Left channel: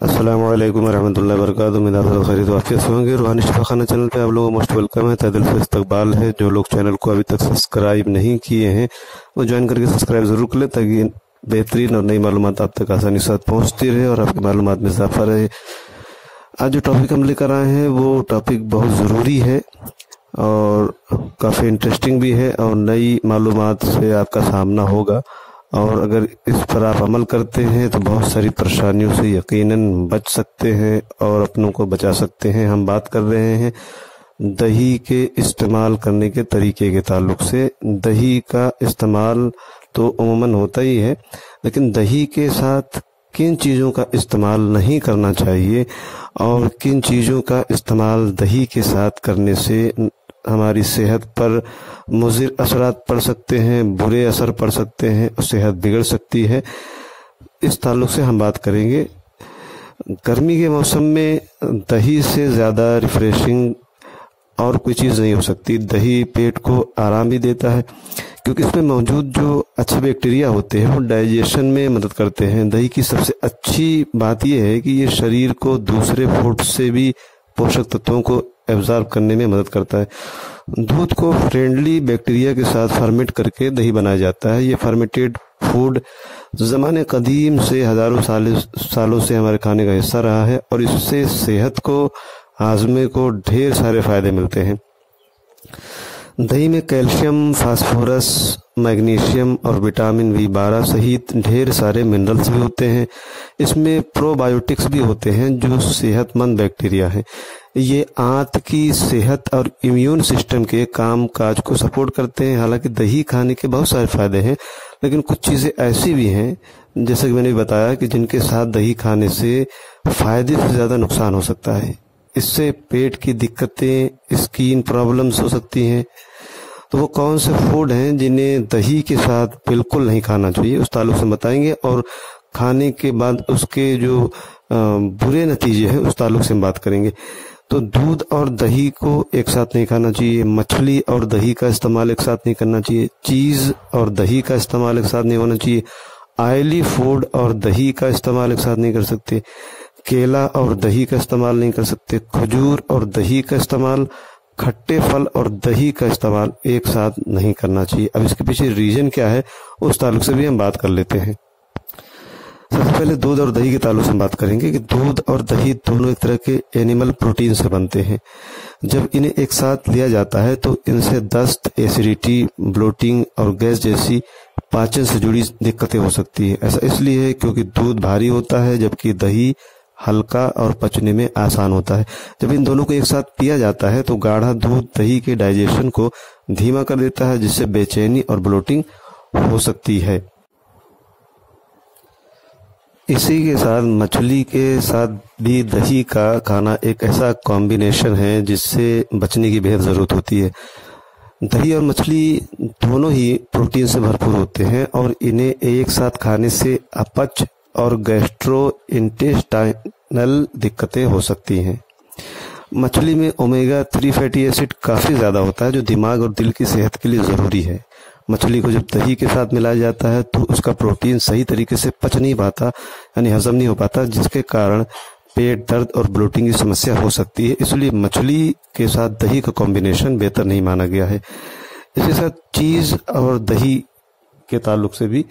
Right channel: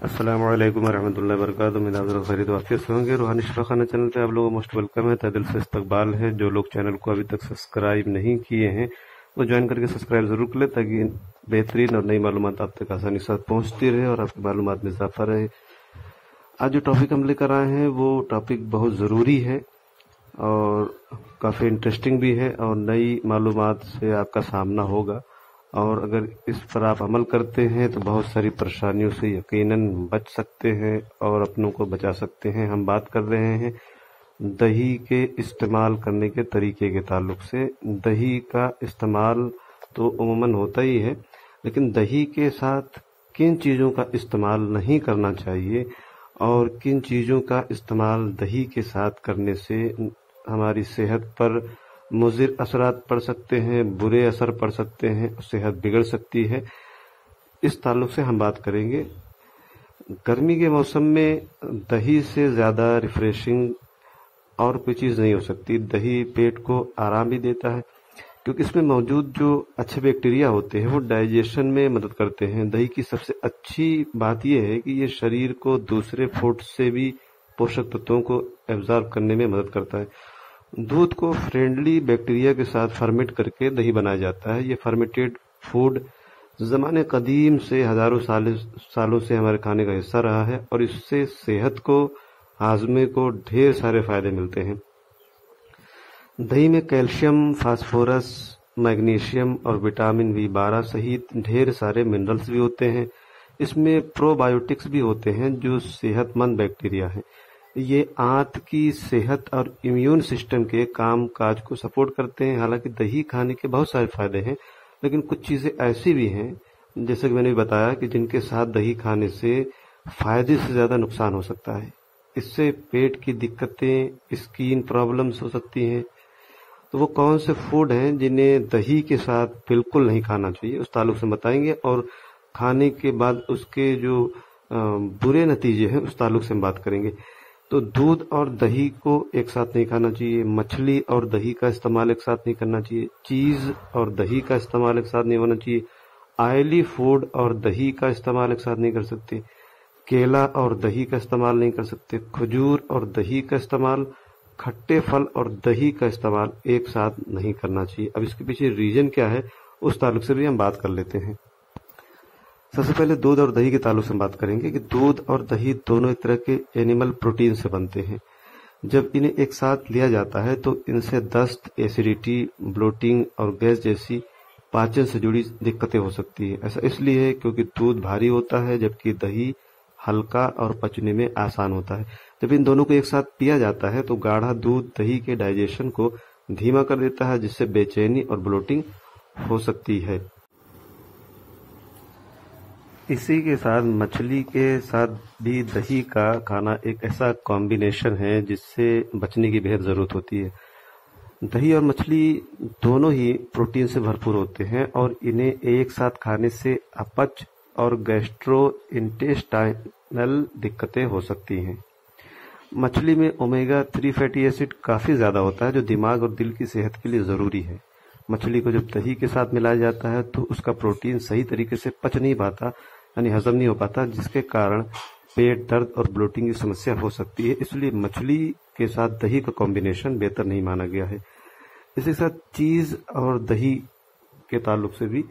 अस्सलाम वालेकुम रहमतुल्लाहि व बरकातुहू। उम्मीद आप खैरियत और अच्छे से होंगे। रूहानी शिफा खाना चैनल पे आप लोगों को मोस्ट वेलकम है, तहे दिल से इस्तकबाल है। जो लोग चैनल को अभी तक सब्सक्राइब नहीं किए हैं वो ज्वाइन करके सब्सक्राइब ज़रूर कर लें, ताकि बेहतरीन और नई मालूमात आप तक आसानी के साथ पहुँचती रहे और आपकी मालूमात में इजाफा रहे। आज जो टॉपिक हम लेकर आए हैं वो टॉपिक बहुत ज़रूरी है और काफ़ी इंटरेस्टिंग भी है और नई मालूमात से आपका सामना होगा, और अगर इस पर आप अमल करते हैं तो बहुत सारी परेशानियों से यकीनन बच सकते हैं और अपनों को बचा सकते हैं। हम बात कर रहे हैं दही के इस्तेमाल करने के तरीके के ताल्लुक से। दही का इस्तेमाल तो अमूमन होता ही है, लेकिन दही के साथ किन चीज़ों का इस्तेमाल नहीं करना चाहिए और किन चीज़ों का इस्तेमाल दही के साथ करने से हमारी सेहत पर मुज़िर असरात पड़ सकते हैं, बुरे असर पड़ सकते हैं और सेहत बिगड़ सकती है, इस ताल्लुक से हम बात करेंगे। गर्मी के मौसम में दही से ज़्यादा रिफ़्रेशिंग और कोई चीज़ नहीं हो सकती। दही पेट को आराम भी देता है क्योंकि इसमें मौजूद जो अच्छे बैक्टीरिया होते हैं वो डाइजेशन में मदद करते हैं। दही की सबसे अच्छी बात यह है कि ये शरीर को दूसरे फूड से भी पोषक तत्वों को एब्जॉर्ब करने में मदद करता है। दूध को फ्रेंडली बैक्टीरिया के साथ फर्मेंट करके दही बनाया जाता है। ये फर्मेंटेड फूड ज़माने कदीम से हज़ारों सालों से हमारे खाने का हिस्सा रहा है और इससे सेहत को, हाजमे को ढेर सारे फ़ायदे मिलते हैं। दही में कैल्शियम, फास्फोरस, मैग्नीशियम और विटामिन B12 सहित ढेर सारे मिनरल्स भी होते हैं। इसमें प्रोबायोटिक्स भी होते हैं जो सेहतमंद बैक्टीरिया हैं। ये आंत की सेहत और इम्यून सिस्टम के काम काज को सपोर्ट करते हैं। हालांकि दही खाने के बहुत सारे फायदे हैं, लेकिन कुछ चीज़ें ऐसी भी हैं जैसे कि मैंने बताया कि जिनके साथ दही खाने से फायदे से ज़्यादा नुकसान हो सकता है। इससे पेट की दिक्कतें, स्किन प्रॉब्लम्स हो सकती हैं। तो वो कौन से फूड हैं जिन्हें दही के साथ बिल्कुल नहीं खाना चाहिए, उस ताल्लुक से बताएंगे, और खाने के बाद उसके जो बुरे नतीजे हैं उस ताल्लुक से हम बात करेंगे। तो दूध और दही को एक साथ नहीं खाना चाहिए, मछली और दही का इस्तेमाल एक साथ नहीं करना चाहिए, चीज़ और दही का इस्तेमाल एक साथ नहीं होना चाहिए, ऑयली फूड और दही का इस्तेमाल एक साथ नहीं कर सकते, केला और दही का इस्तेमाल नहीं कर सकते, खजूर और दही का इस्तेमाल, खट्टे फल और दही का इस्तेमाल एक साथ नहीं करना चाहिए। अब इसके पीछे रीज़न क्या है उस ताल्लुक से भी हम बात कर लेते हैं। सबसे पहले दूध और दही के ताल्लुक से हम बात करेंगे कि दूध और दही दोनों एक तरह के एनिमल प्रोटीन से बनते हैं। जब इन्हें एक साथ लिया जाता है तो इनसे दस्त, एसिडिटी, ब्लोटिंग और गैस जैसी पाचन से जुड़ी दिक्कतें हो सकती है। ऐसा इसलिए है क्योंकि दूध भारी होता है जबकि दही हल्का और पचने में आसान होता है। जब इन दोनों को एक साथ पिया जाता है तो गाढ़ा दूध दही के डाइजेशन को धीमा कर देता है, जिससे बेचैनी और ब्लोटिंग हो सकती है। इसी के साथ मछली के साथ भी दही का खाना एक ऐसा कॉम्बिनेशन है जिससे बचने की बेहद ज़रूरत होती है। दही और मछली दोनों ही प्रोटीन से भरपूर होते हैं और इन्हें एक साथ खाने से अपच और गैस्ट्रो इंटेस्टाइनल दिक्कतें हो सकती हैं। मछली में ओमेगा 3 फैटी एसिड काफ़ी ज़्यादा होता है जो दिमाग और दिल की सेहत के लिए ज़रूरी है। मछली को जब दही के साथ मिलाया जाता है तो उसका प्रोटीन सही तरीके से पच नहीं पाता, यानी हजम नहीं हो पाता, जिसके कारण पेट दर्द और ब्लोटिंग की समस्या हो सकती है। इसलिए मछली के साथ दही का कॉम्बिनेशन बेहतर नहीं माना गया है। इसी साथ चीज़ और दही के ताल्लुक से भी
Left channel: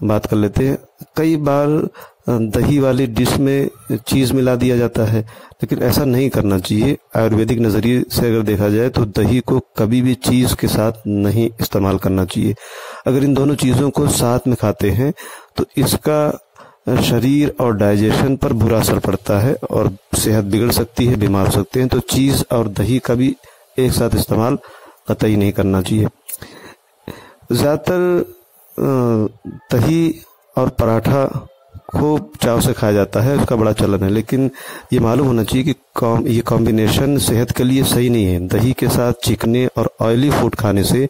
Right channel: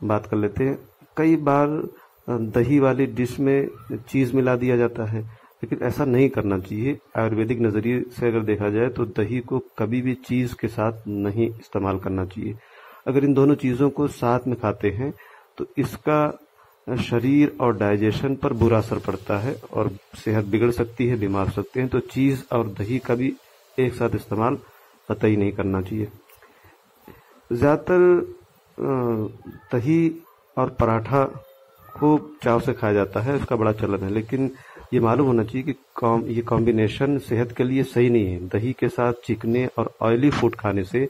बात कर लेते हैं। कई बार दही वाली डिश में चीज़ मिला दिया जाता है, लेकिन ऐसा नहीं करना चाहिए। आयुर्वेदिक नज़रिए से अगर देखा जाए तो दही को कभी भी चीज़ के साथ नहीं इस्तेमाल करना चाहिए। अगर इन दोनों चीज़ों को साथ में खाते हैं तो इसका शरीर और डाइजेशन पर बुरा असर पड़ता है और सेहत बिगड़ सकती है, बीमार हो सकते हैं। तो चीज़ और दही का भी एक साथ इस्तेमाल कतई नहीं करना चाहिए। ज़्यादातर दही और पराठा खूब चाव से खाया जाता है, उसका बड़ा चलन है, लेकिन ये मालूम होना चाहिए कि ये कॉम्बिनेशन सेहत के लिए सही नहीं है। दही के साथ चिकने और ऑयली फूड खाने से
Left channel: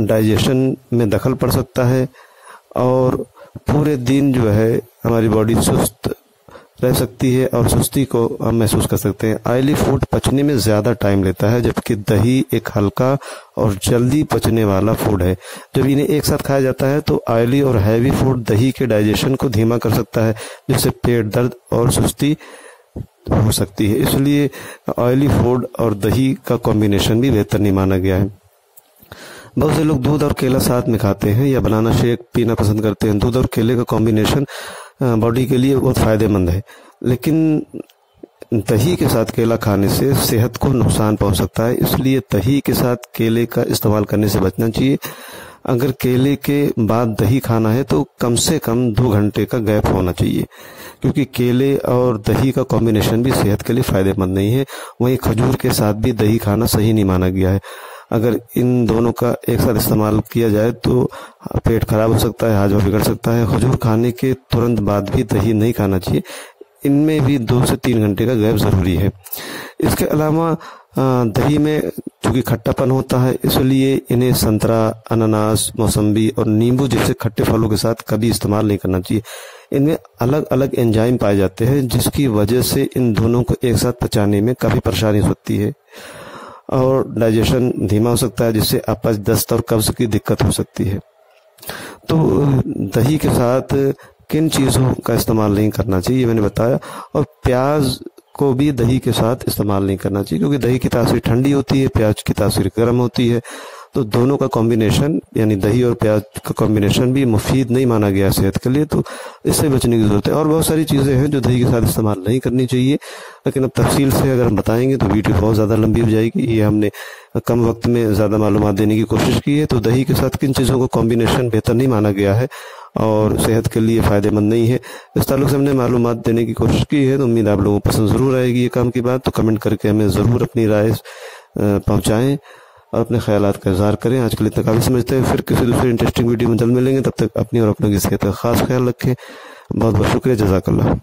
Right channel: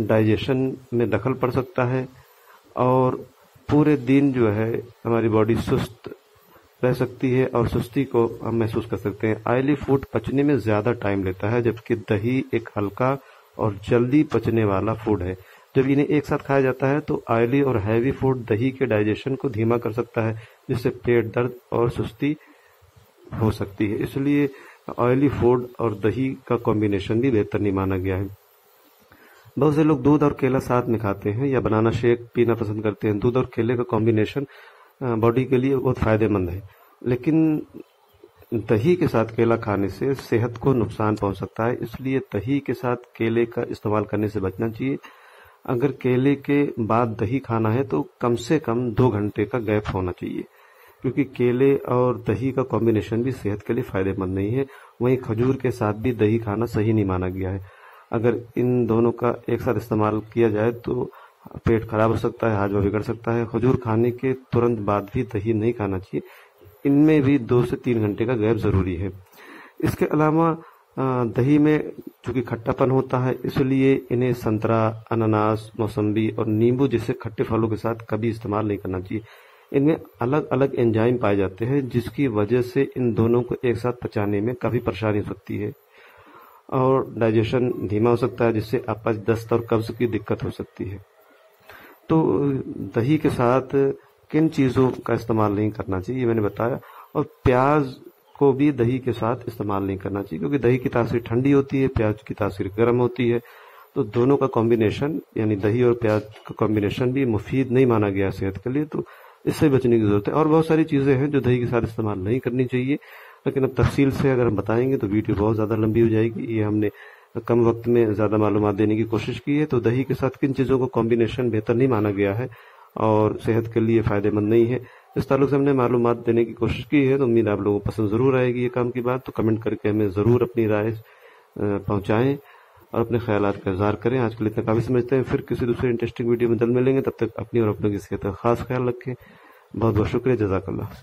डाइजेशन में दखल पड़ सकता है और पूरे दिन जो है हमारी बॉडी सुस्त रह सकती है और सुस्ती को हम महसूस कर सकते हैं। ऑयली फूड पचने में ज़्यादा टाइम लेता है, जबकि दही एक हल्का और जल्दी पचने वाला फूड है। जब इन्हें एक साथ खाया जाता है तो ऑयली और हैवी फूड दही के डाइजेशन को धीमा कर सकता है, जिससे पेट दर्द और सुस्ती हो सकती है। इसलिए ऑयली फूड और दही का कॉम्बिनेशन भी बेहतर नहीं माना गया है। बहुत से लोग दूध और केला साथ में खाते हैं या बनाना शेक पीना पसंद करते हैं। दूध और केले का कॉम्बिनेशन बॉडी के लिए बहुत फ़ायदेमंद है, लेकिन दही के साथ केला खाने से सेहत को नुकसान पहुंच सकता है। इसलिए दही के साथ केले का इस्तेमाल करने से बचना चाहिए। अगर केले के बाद दही खाना है तो कम से कम 2 घंटे का गैप होना चाहिए, क्योंकि केले और दही का कॉम्बिनेशन भी सेहत के लिए फ़ायदेमंद नहीं है। वहीं खजूर के साथ भी दही खाना सही नहीं माना गया है। अगर इन दोनों का एक साथ इस्तेमाल किया जाए तो पेट खराब हो सकता है, हाजमा बिगड़ सकता है। खजूर खाने के तुरंत बाद भी दही नहीं खाना चाहिए। इनमें भी 2 से 3 घंटे का गैप ज़रूरी है। इसके अलावा दही में चूँकि खट्टापन होता है, इसलिए इन्हें संतरा, अनानास, मौसम्बी और नींबू जैसे खट्टे फलों के साथ कभी इस्तेमाल नहीं करना चाहिए। इनमें अलग अलग एंजाइम पाए जाते हैं, जिसकी वजह से इन दोनों को एक साथ पचाने में काफ़ी परेशानी हो सकती है और डाइजेशन धीमा हो सकता है, जिससे अपच, दस्त और कब्ज की दिक्कत हो सकती है। तो दही के साथ किन चीज़ों का इस्तेमाल नहीं करना चाहिए मैंने बताया। और प्याज को भी दही के साथ इस्तेमाल नहीं करना चाहिए, क्योंकि दही की तासीर ठंडी होती है, प्याज की तासीर गर्म होती है। तो दोनों का कॉम्बिनेशन यानी दही और प्याज का कॉम्बिनेशन भी मुफीद नहीं माना गया सेहत के लिए, तो इससे बचने की ज़रूरत है। और बहुत सारी चीज़ें हैं जो दही के साथ इस्तेमाल नहीं करनी चाहिए, लेकिन अब तफसील से अगर हम बताएंगे तो वीडियो बहुत ज़्यादा लंबी हो जाएगी। ये हमने कम वक्त में ज़्यादा मालूमात देने की कोशिश की है। तो दही के साथ किन चीज़ों का कॉम्बिनेशन बेहतर नहीं माना गया है और सेहत के लिए फ़ायदेमंद नहीं है, इस ताल्लुक से हमने मालूमात देने की कोशिश की है। तो उम्मीद आप लोगों को पसंद ज़रूर आएगी ये काम की बात। तो कमेंट करके हमें ज़रूर अपनी राय पहुँचाएँ और अपने ख्यालात का इज़हार करें। आज के लिए इतना काफ़ी समझते हैं, फिर किसी दूसरे इंटरेस्टिंग वीडियो में जल्द मिलेंगे। तब तक अपनी और अपनों की सेहत का खास ख्याल रखें। बहुत बहुत शुक्रिया, जज़ाकल्लाह।